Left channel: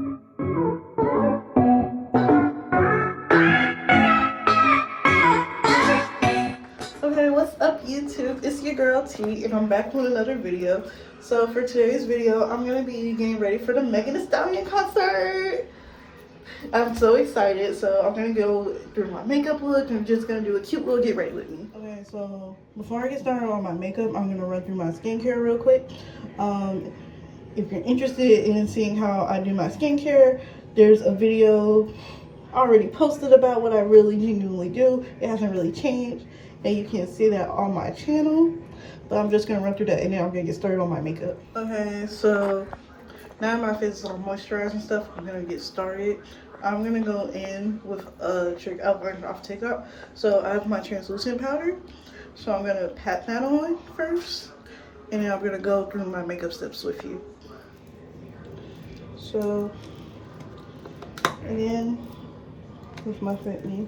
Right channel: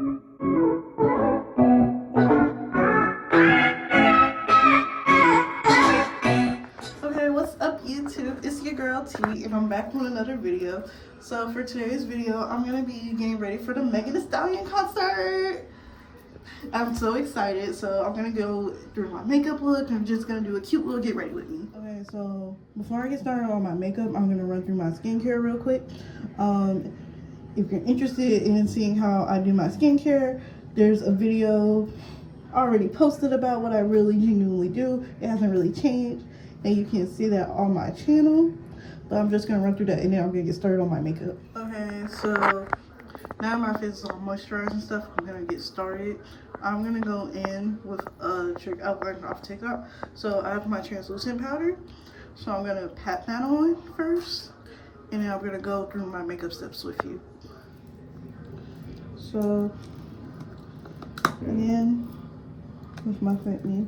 Okay, what's up YouTube? It's your girl T and I'm back with another video. So for today's video, I'm gonna be getting ready for the Megan Thee Stallion concert. I'm so excited. So I'm gonna go through my makeup look. I'm just gonna do a cute little get ready with me. Okay, so before I get started on my makeup, I'm gonna run through my skincare real quick. If you're interested in seeing how I do my skincare, there's a video already posted about what I really genuinely do. It hasn't really changed, and you can see that on my channel, but I'm just gonna run through that and then I'm gonna get started on my makeup. Okay, so now my face is all moisturized and stuff. I'm gonna get started. I'm gonna go in with a trick I learned off TikTok. So I have my translucent powder, so I'm gonna pat that on first, and then I'm gonna go through my makeup steps with you. So again, with my Fit Me.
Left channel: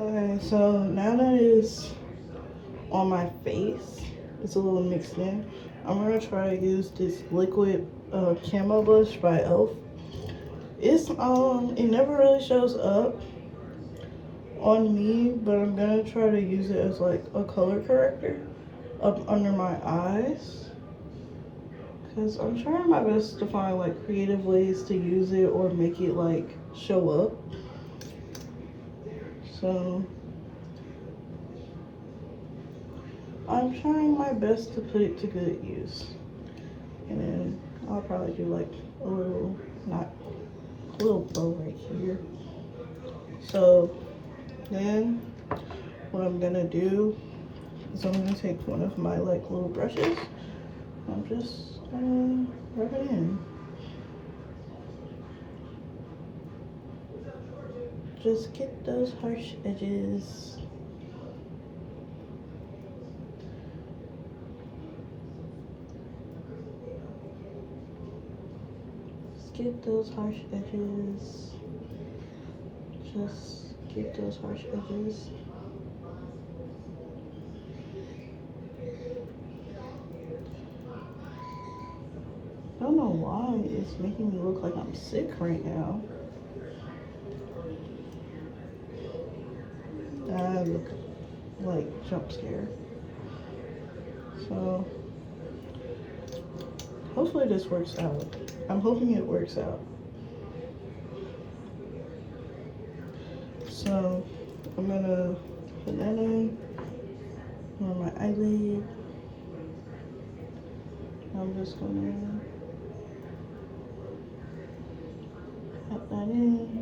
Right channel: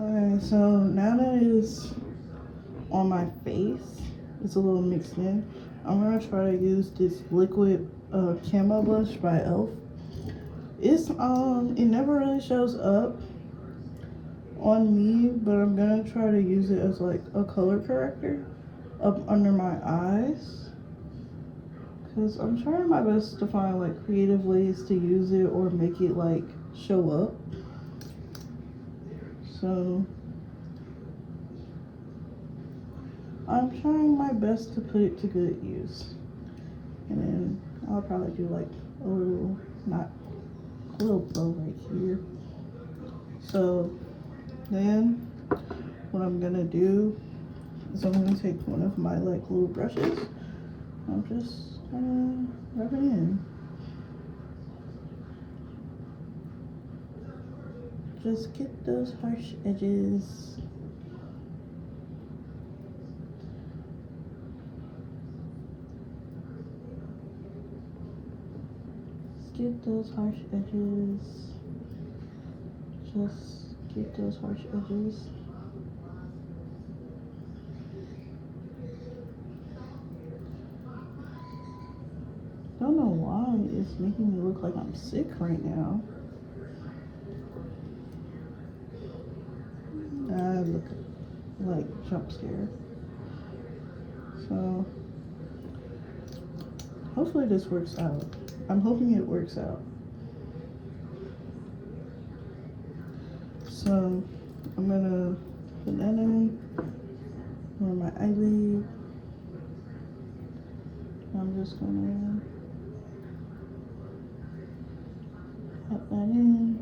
Okay, so now that it's on my face, it's a little mixed in. I'm gonna try to use this liquid camo blush by Elf. It's it never really shows up on me, but I'm gonna try to use it as like a color corrector up under my eyes, because I'm trying my best to find like creative ways to use it or make it like show up. So I'm trying my best to put it to good use, and then I'll probably do like a little bow right here. So then what I'm gonna do is I'm gonna take one of my like little brushes. I'm just gonna rub it in. Just get those harsh edges. Just get those harsh edges. Just get those harsh edges. I don't know why it's making me look like I'm sick right now. I look like jump scare. So hopefully this works out. I'm hoping it works out. So I'm gonna put that in on my eyelid. I'm just gonna put that in.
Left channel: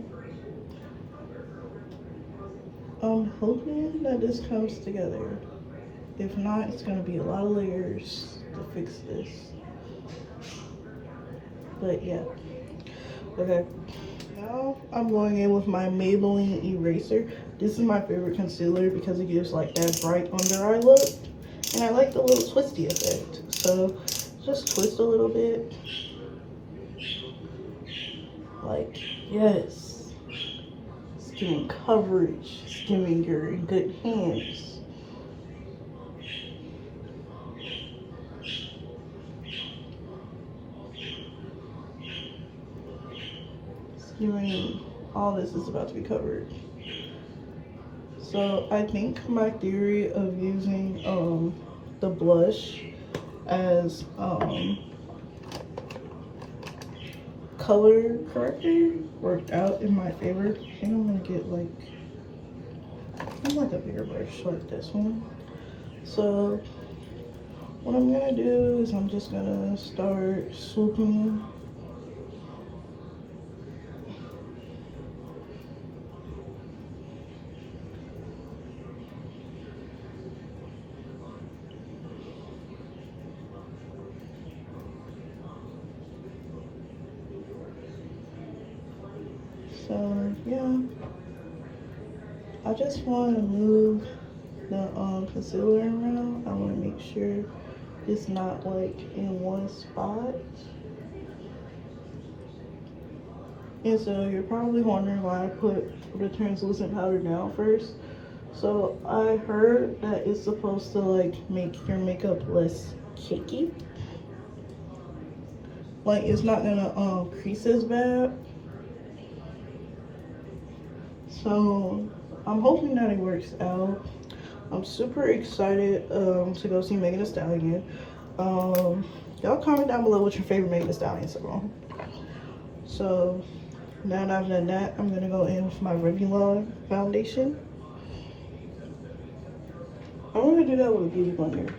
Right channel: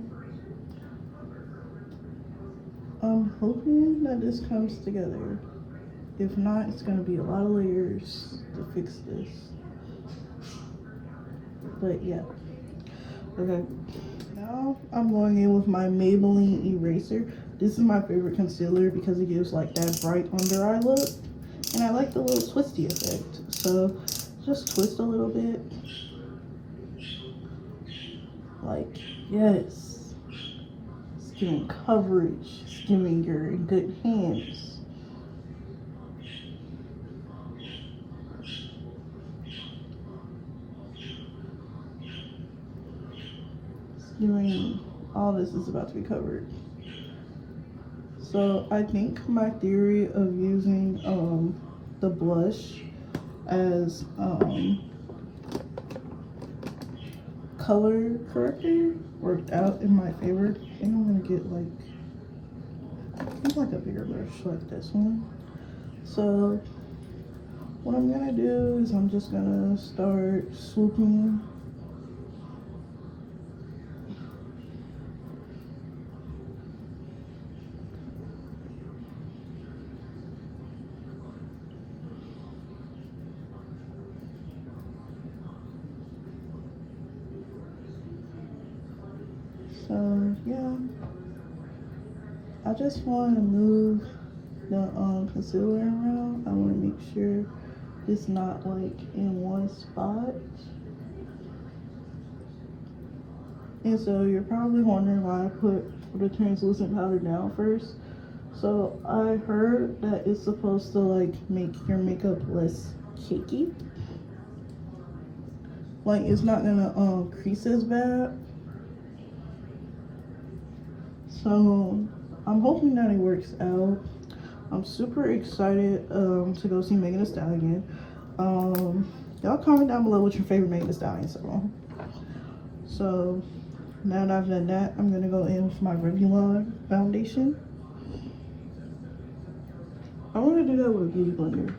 hoping that this comes together. If not, it's gonna be a lot of layers to fix this. But yeah. Okay. Now I'm going in with my Maybelline eraser. This is my favorite concealer because it gives like that bright under eye look. And I like the little twisty effect. So just twist a little bit. Like, yes. It's giving coverage. It's giving you're in good hands. All this is about to be covered. So I think my theory of using the blush as color corrector worked out in my favor. I think I'm gonna get like a bigger brush like this one. So what I'm gonna do is I'm just gonna start swooping yeah, I just want to move the concealer around. I want to make sure it's not like in one spot. And so you're probably wondering why I put the translucent powder down first. So I heard that it's supposed to like make your makeup less cakey. Like it's not gonna crease as bad. So I'm hoping that it works out. I'm super excited to go see Megan Thee Stallion. Y'all comment down below what your favorite Megan Thee Stallion song. So now that I've done that, I'm gonna go in with my Revlon foundation. I'm gonna do that with a beauty blender.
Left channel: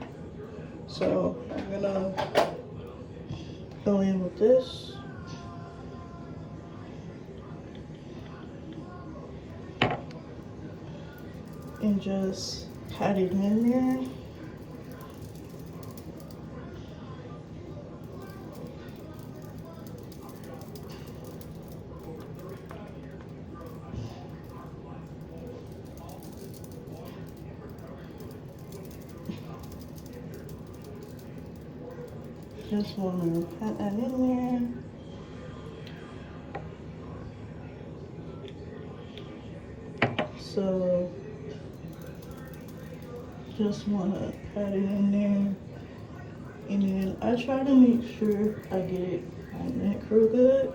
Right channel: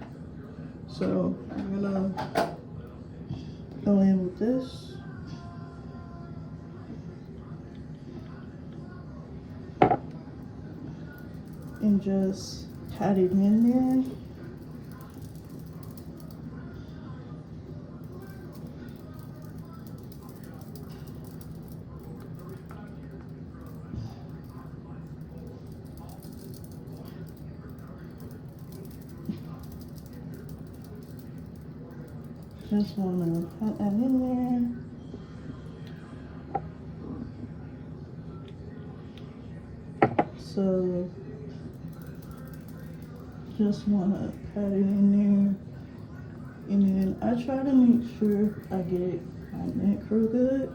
So I'm gonna go in with this. And just pat it in there. Just want to pat that in there. So just want to pat it in there, and then I try to make sure I get it on my neck real good.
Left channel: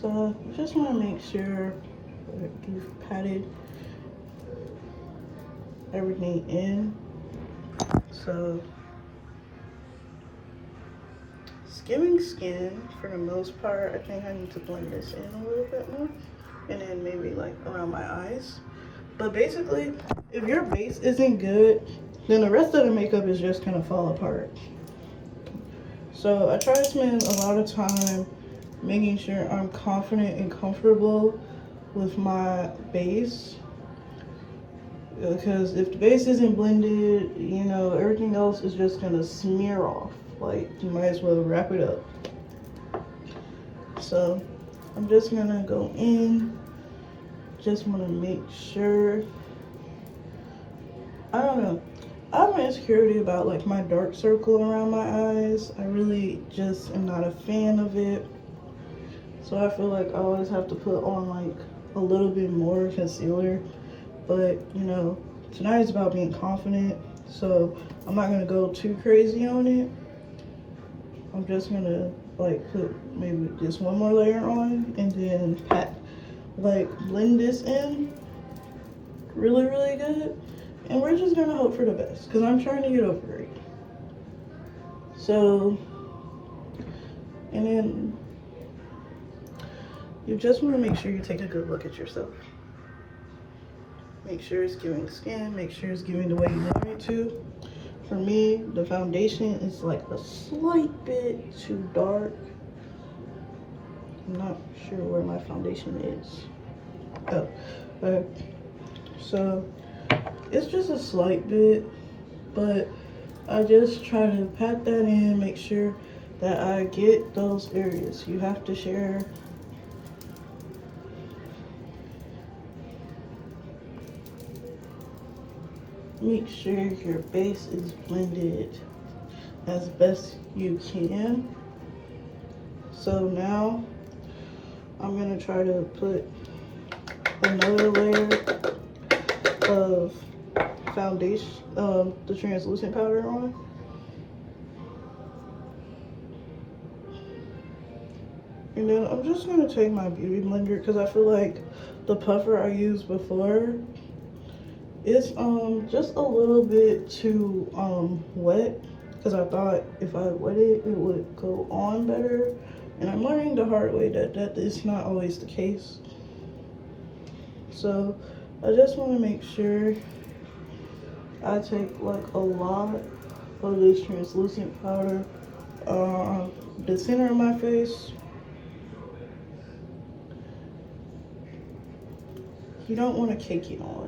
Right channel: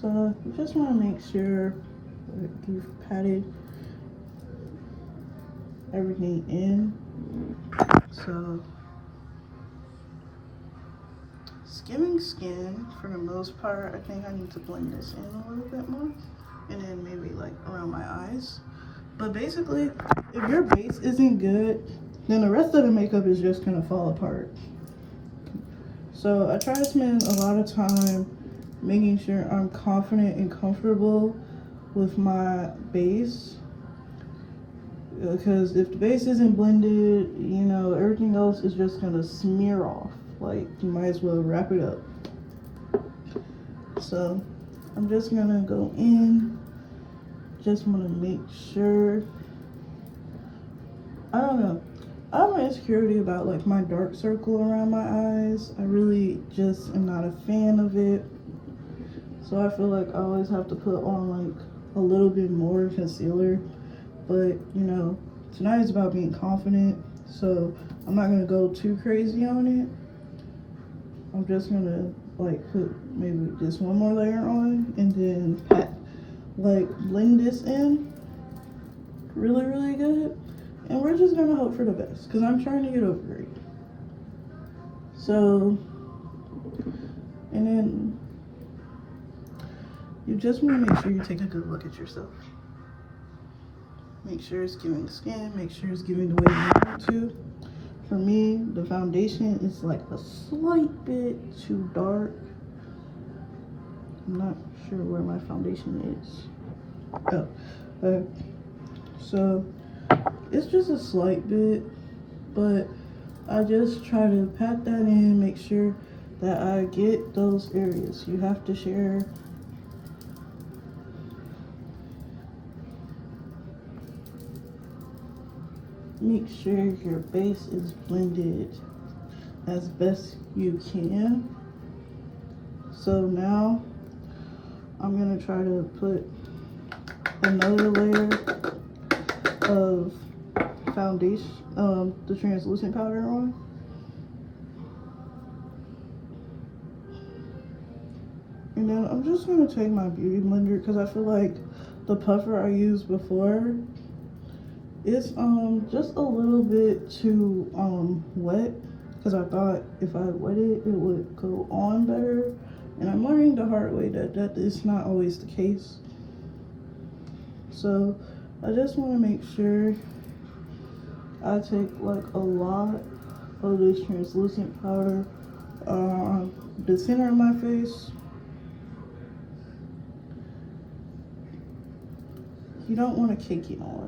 So you just want to make sure you've patted everything in. So skimming skin for the most part. I think I need to blend this in a little bit more, and then maybe like around my eyes. But basically, if your base isn't good, then the rest of the makeup is just gonna fall apart. So I try to spend a lot of time making sure I'm confident and comfortable with my base, because if the base isn't blended, you know, everything else is just gonna smear off. Like, you might as well wrap it up. So I'm just gonna go in, just want to make sure. I don't know, I'm insecurity about like my dark circle around my eyes. I really just am not a fan of it. So I feel like I always have to put on like a little bit more concealer. But you know, tonight is about being confident, so I'm not gonna go too crazy on it. I'm just gonna like put maybe just one more layer on, and then blend this in really, really good. And we're just gonna hope for the best, because I'm trying to get over it. So, and then You just want to make sure you take a good look at yourself. Make sure it's giving skin, make sure it's giving the way you want it to. For me, the foundation is like a slight bit too dark. I'm not sure where my foundation is. Oh, so it's just a slight bit, but I just try to pat that in, make sure that I get those areas. You have to share. Make sure your base is blended as best you can. So now I'm gonna try to put another layer of foundation, the translucent powder on. And then I'm just gonna take my beauty blender because I feel like the puffer I used before is just a little bit too wet, because I thought if I wet it, it would go on better. And I'm learning the hard way that that is not always the case. So I just want to make sure I take like a lot of this translucent powder the center of my face. You don't want to cake it on.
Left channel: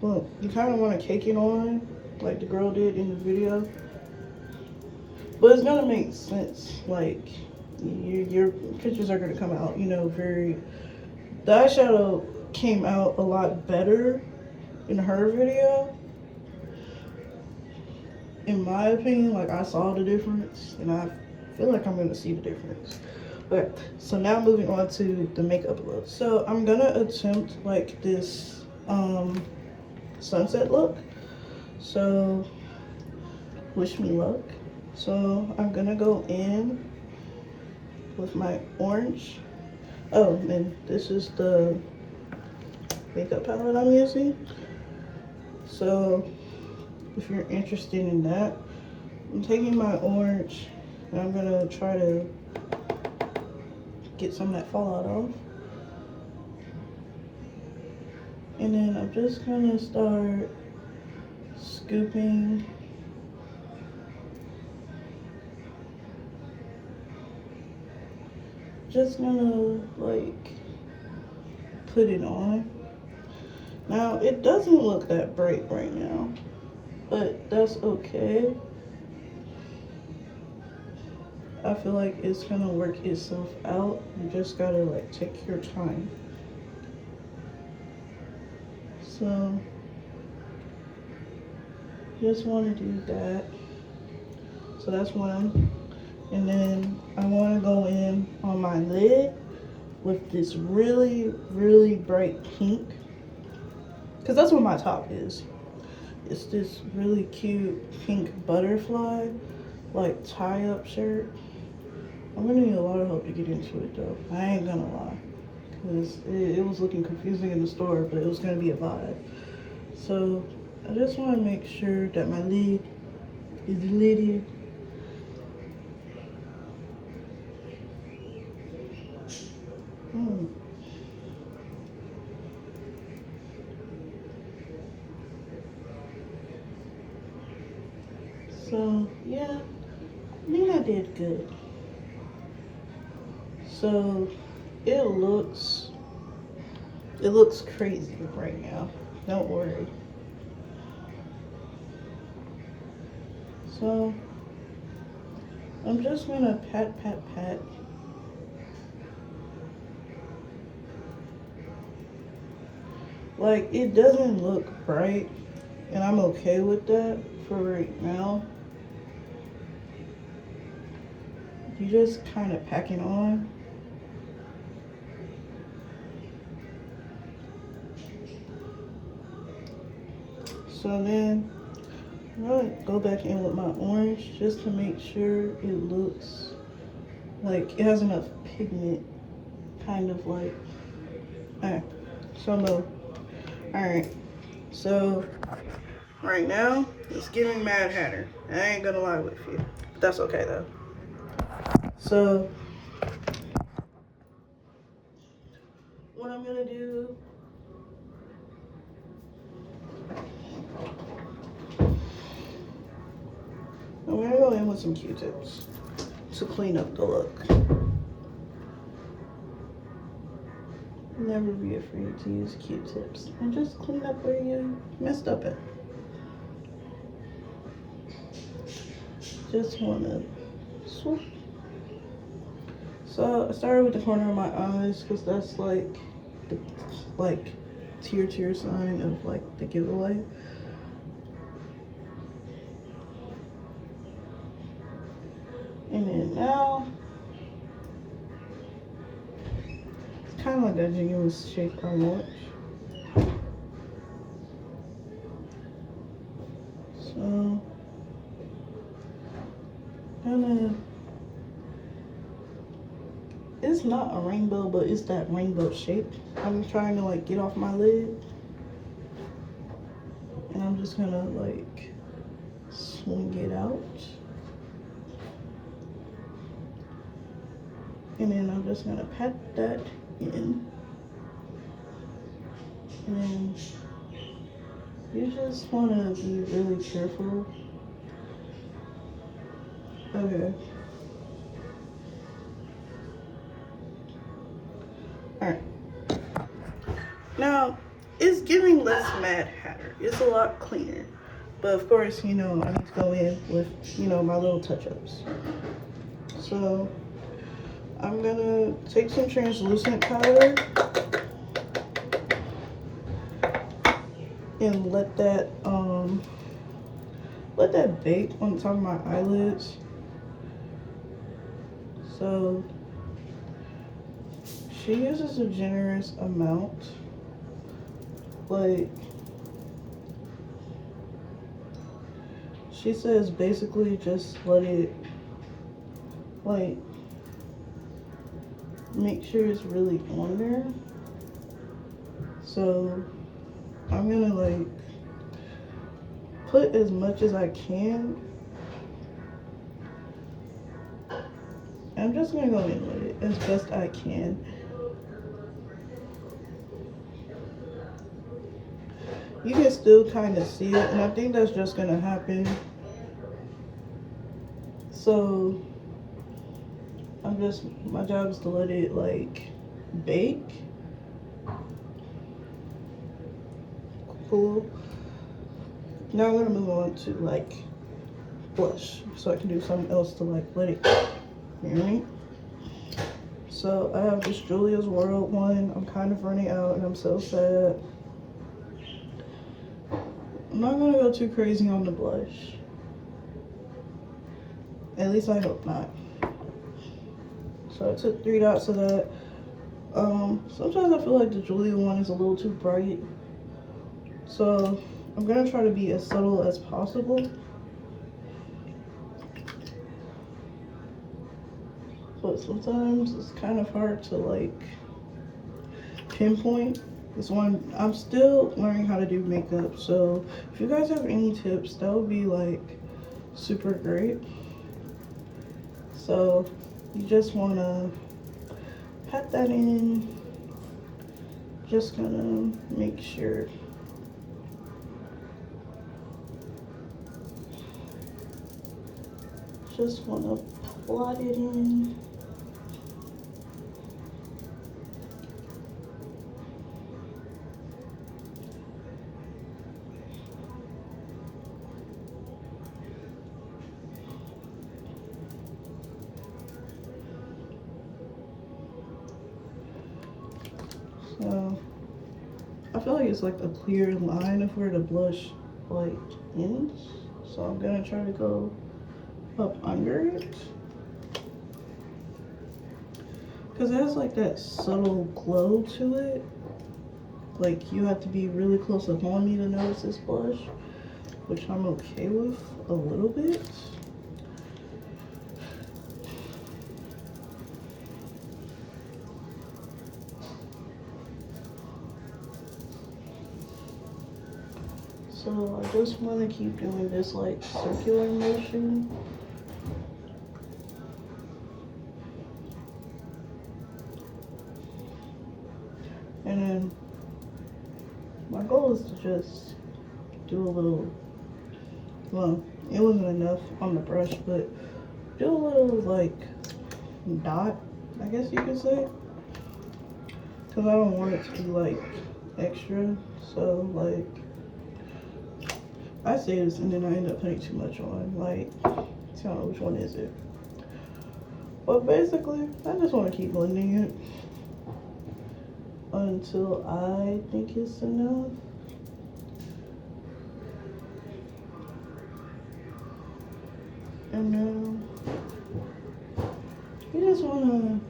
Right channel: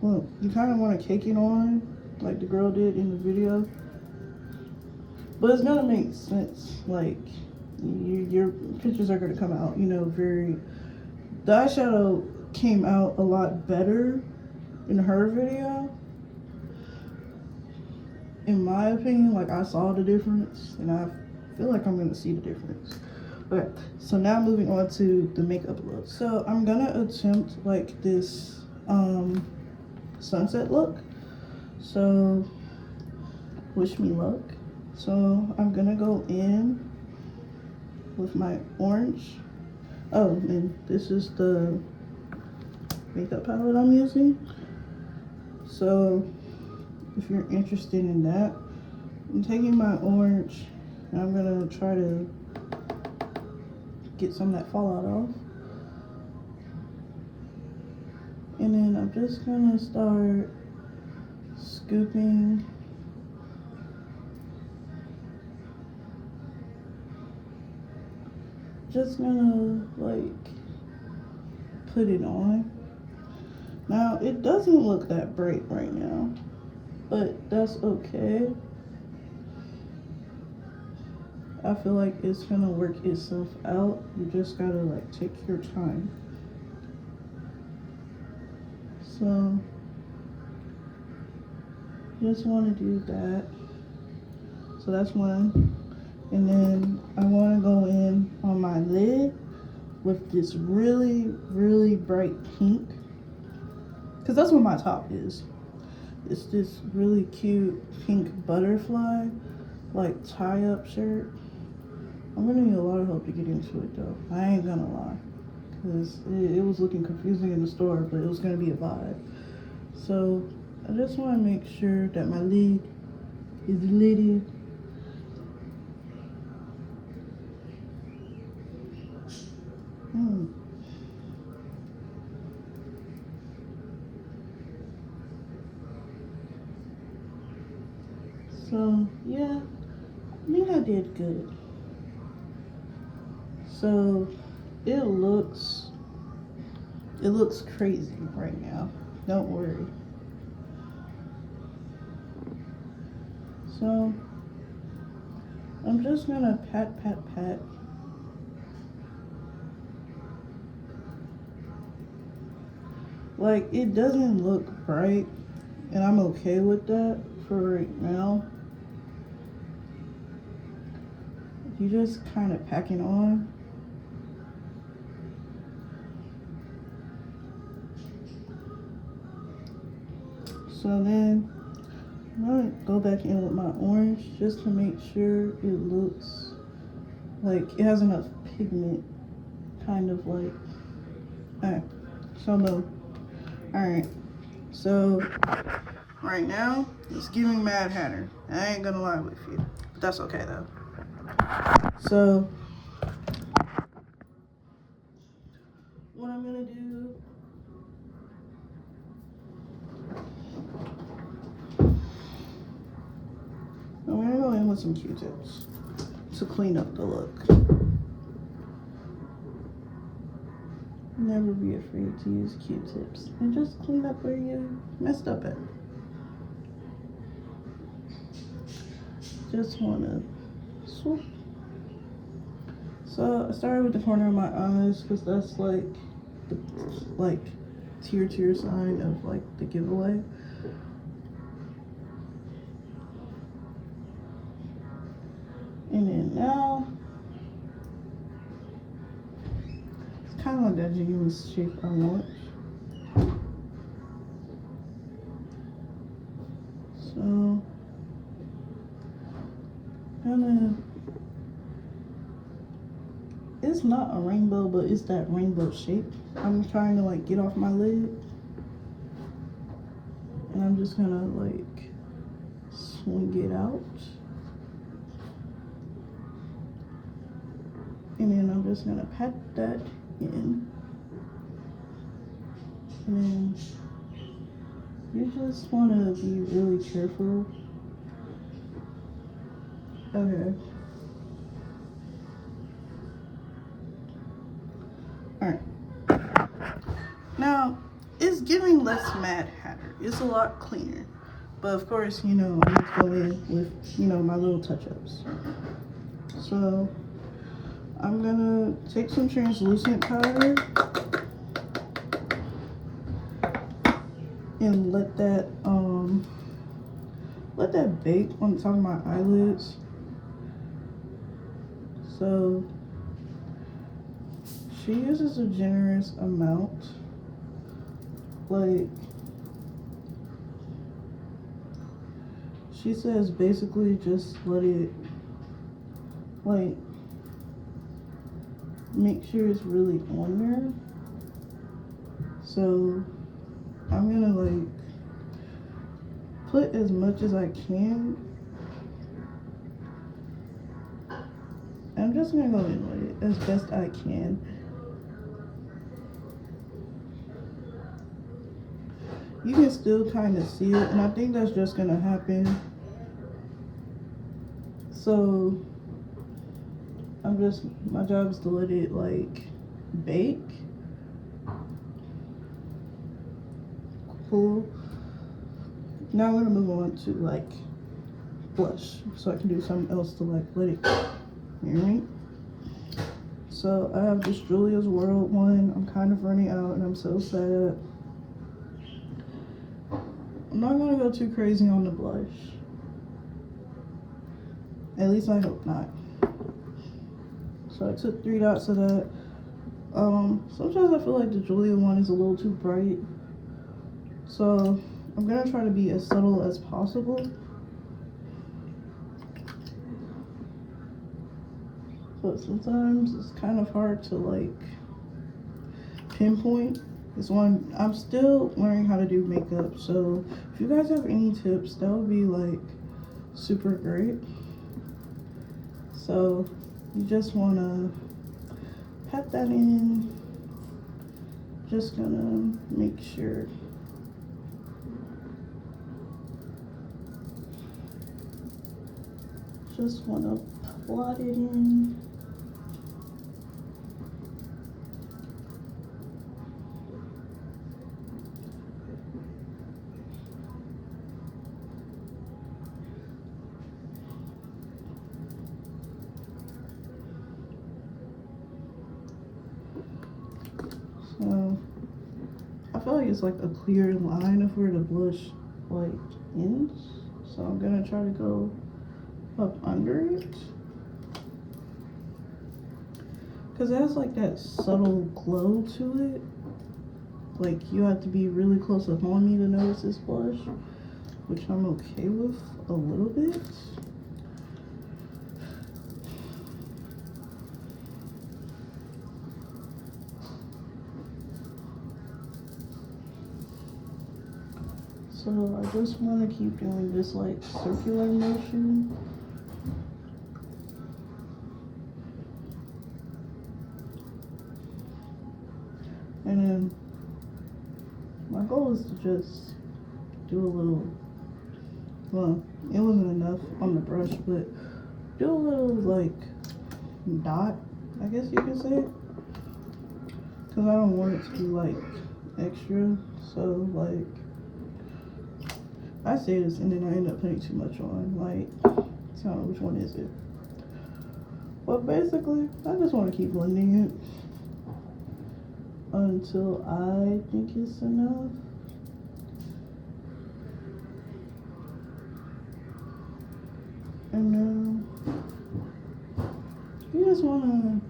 Well, you kind of want to cake it on like the girl did in the video, but it's gonna make sense. Like your pictures are gonna come out, you know, very. The eyeshadow came out a lot better in her video, in my opinion. Like, I saw the difference, and I feel like I'm gonna see the difference. Alright, so now moving on to the makeup look. So I'm gonna attempt like this sunset look. So wish me luck. So I'm gonna go in with my orange. Oh, and this is the makeup palette I'm using. So if you're interested in that, I'm taking my orange and I'm gonna try to get some of that fallout off. And then I'm just gonna start scooping just gonna like put it on. Now it doesn't look that bright right now, but that's okay. I feel like it's gonna work itself out. You just gotta like take your time. So just want to do that. So that's one. And then I want to go in on my lid with this really, really bright pink, because that's what my top is. It's this really cute pink butterfly, like tie-up shirt. I'm gonna need a lot of help to get into it though. I ain't gonna lie, because it was looking confusing in the store, but it was gonna be a vibe. So I just want to make sure that my lid is lidded. So yeah, I think I did good. So it looks crazy right now. Don't worry. So I'm just gonna pat. Like, it doesn't look bright, and I'm okay with that for right now. You just kind of pack it on. So then I'm gonna go back in with my orange just to make sure it looks like it has enough pigment, kind of like. Alright, so low. Alright, so right now it's giving Mad Hatter. I ain't gonna lie with you, but that's okay though. So what I'm gonna do, I'm gonna go in with some Q-tips to clean up the look. Never be afraid to use Q-tips and just clean up where you messed up at. Just wanna swoop. So I started with the corner of my eyes because that's like the tear sign of like the giveaway. And then now it's kind of like that genuine shape I want. So it's not a rainbow, but it's that rainbow shape I'm trying to like get off my lid. And I'm just gonna like swing it out. And then I'm just gonna pat that in. And then you just wanna be really careful. Okay. Alright. Now, it's giving less Mad Hatter. It's a lot cleaner. But of course, you know, I need to go in with, you know, my little touch-ups. So, I'm gonna take some translucent powder and let that bake on top of my eyelids. So she uses a generous amount, like she says basically just let it, like, make sure it's really on there. So I'm gonna like put as much as I can. I'm just gonna go in with it as best I can. You can still kind of see it, and I think that's just gonna happen. So my job is to let it like bake. Cool. Now I'm gonna move on to like blush, so I can do something else to like let it marinate. So I have this Julia's World one. I'm kind of running out and I'm so sad. I'm not gonna go too crazy on the blush. At least I hope not. So I took 3 dots of that. Sometimes I feel like the Julia one is a little too bright. So I'm gonna try to be as subtle as possible. But sometimes it's kind of hard to like pinpoint. This one, I'm still learning how to do makeup. So if you guys have any tips, that would be like super great. So you just wanna pat that in. Just gonna make sure. Just wanna plot it in. So I feel like it's like a clear line of where the blush like ends. So I'm gonna try to go up under it, because it has like that subtle glow to it. Like you have to be really close up on me to notice this blush, which I'm okay with a little bit. So I just want to keep doing this like circular motion. And then my goal is to just do a little, well, it wasn't enough on the brush, but do a little like dot, I guess you could say, because I don't want it to be like extra. So like I say this and then I end up putting too much on, like, so which one is it? But basically I just want to keep blending it until I think it's enough. And then you just want to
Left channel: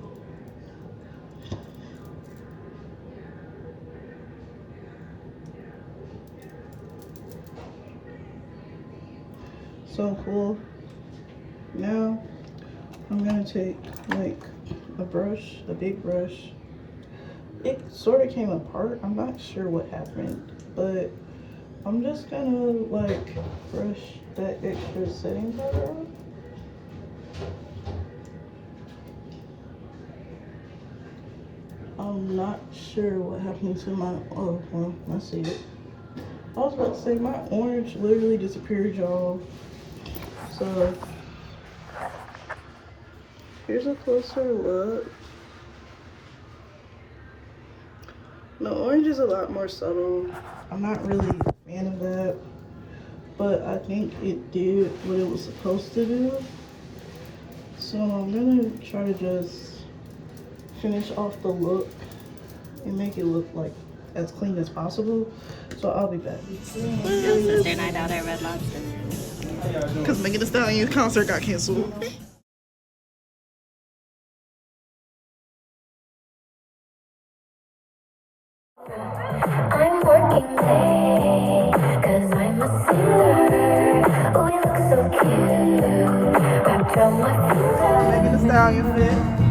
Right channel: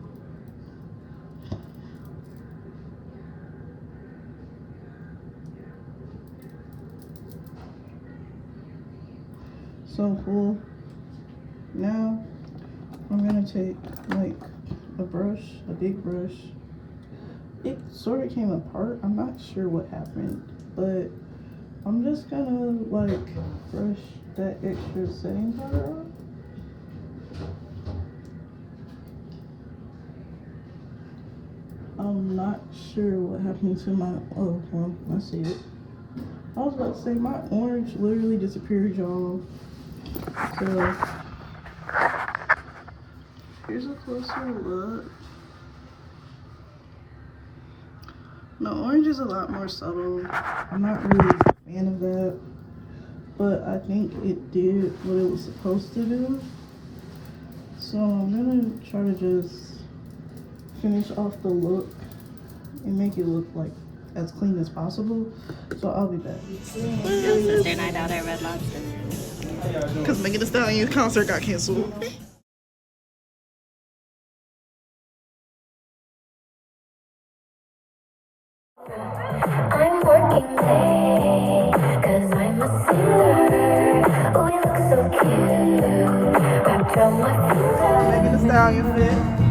so cool. Now I'm gonna take like a brush, a big brush. It sort of came apart. I'm not sure what happened, but I'm just gonna like brush that extra setting powder on. I'm not sure what happened to my, oh, well, I see it. I was about to say my orange literally disappeared, y'all. So here's a closer look. The orange is a lot more subtle. I'm not really a fan of that, but I think it did what it was supposed to do. So I'm gonna try to just finish off the look and make it look like as clean as possible. So I'll be back. Sister night out at Red Lobster. Because Megan Thee Stallion concert got canceled. I'm working late, cause I'm a singer. Oh, you look so cute, wrapped around my finger. Megan Thee Stallion fit.